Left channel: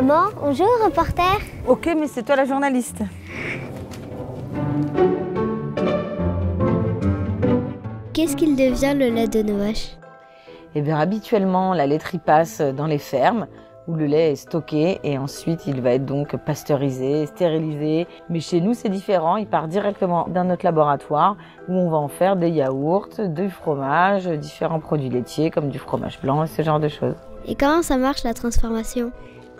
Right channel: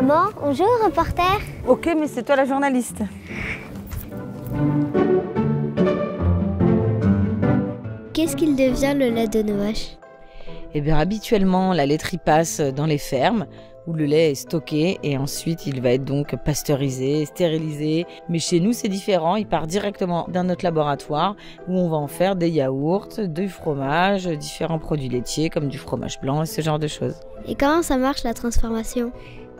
Maman, on joue au reporter? Ok, mais c'est toi la journaliste. Qu'est-ce qu'il devient le lait de nos vaches? Eh bien, habituellement, la laiterie passe dans les fermes où le lait est stocké et ensuite il va être donc pasteurisé, stérilisé. Mais chez nous, c'est différent. Il part directement dans notre laboratoire où on va en faire des yaourts, du fromage, différents produits laitiers comme du fromage blanc et ce genre de choses. Et comment ça marche la transformation?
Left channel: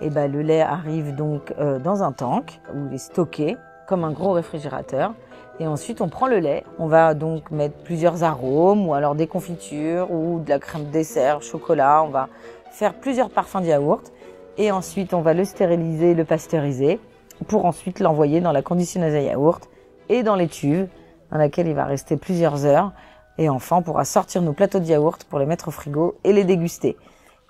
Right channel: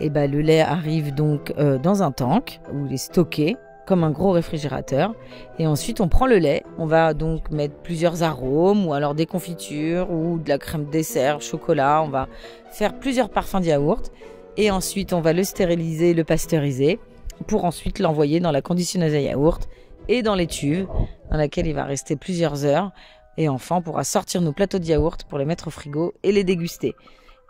Eh ben, le lait arrive donc dans un tank où il est stocké comme un gros réfrigérateur. Et ensuite, on prend le lait. On va donc mettre plusieurs arômes ou alors des confitures ou de la crème dessert, chocolat. On va faire plusieurs parfums de yaourt. Et ensuite, on va le stériliser, le pasteuriser pour ensuite l'envoyer dans la conditionneuse à yaourt et dans les cuves dans laquelle il va rester plusieurs heures. Et enfin, on pourra sortir nos plateaux de yaourt pour les mettre au frigo et les déguster.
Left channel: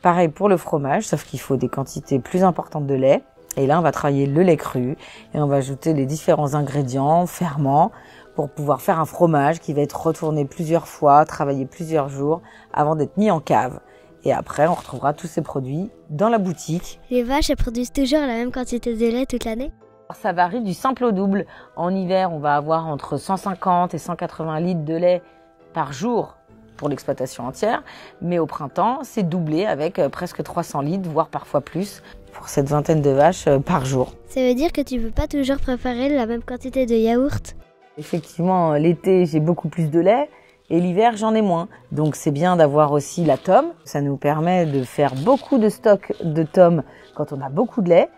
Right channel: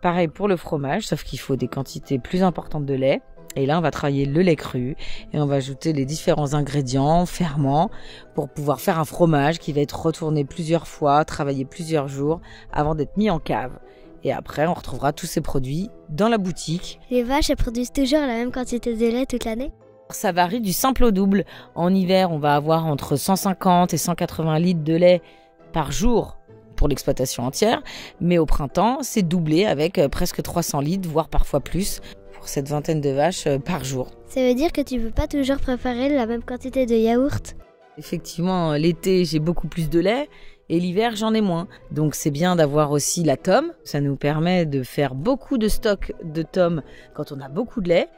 Pareil pour le fromage, sauf qu'il faut des quantités plus importantes de lait. Et là, on va travailler le lait cru et on va ajouter les différents ingrédients, ferments, pour pouvoir faire un fromage qui va être retourné plusieurs fois, travaillé plusieurs jours avant d'être mis en cave. Et après, on retrouvera tous ces produits dans la boutique. Les vaches, elles produisent toujours la même quantité de lait toute l'année? Ça varie du simple au double. En hiver, on va avoir entre 150 et 180 litres de lait par jour pour l'exploitation entière. Mais au printemps, c'est doublé avec presque 300 litres, voire parfois plus, pour cette vingtaine de vaches par jour. Ça veut dire que tu ne peux pas toujours préparer la même quantité de yaourt? Effectivement, l'été, j'ai beaucoup plus de lait et l'hiver, j'en ai moins. Donc c'est bien d'avoir aussi la tome. Ça nous permet de faire beaucoup de stock de tomes quand on a beaucoup de lait.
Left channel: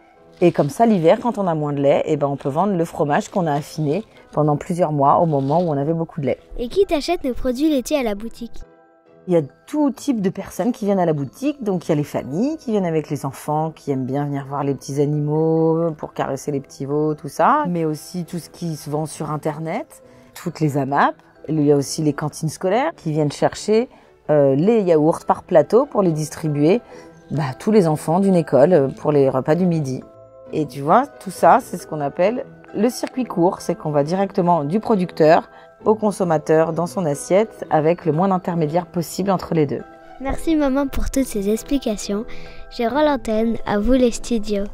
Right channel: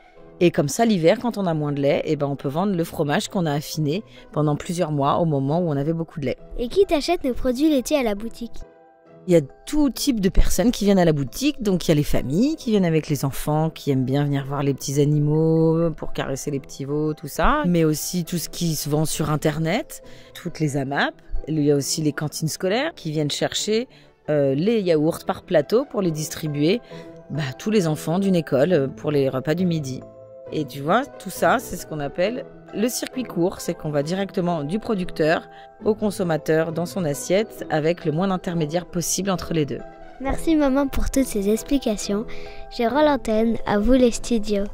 Et comme ça, l'hiver, quand on a moins de lait, eh ben, on peut vendre le fromage qu'on a affiné pendant plusieurs mois au moment où on avait beaucoup de lait. Et qui t'achète nos produits laitiers à la boutique? Il y a tout type de personnes qui viennent à la boutique. Donc, il y a les familles qui viennent avec les enfants, qui aiment bien venir voir les petits animaux pour caresser les petits veaux, tout ça. Mais aussi tout ce qui se vend sur Internet, toutes les AMAP. Il y a aussi les cantines scolaires qui viennent chercher les yaourts par plateau pour les distribuer à tous les enfants d'une école pour les repas du midi. Et tu vois, tout ça, c'est ce qu'on appelle le circuit court. C'est qu'on va directement du producteur au consommateur dans son assiette avec le moins d'intermédiaires possible entre les deux. Merci maman pour toutes ces explications. Je rends l'antenne, à vous les studios.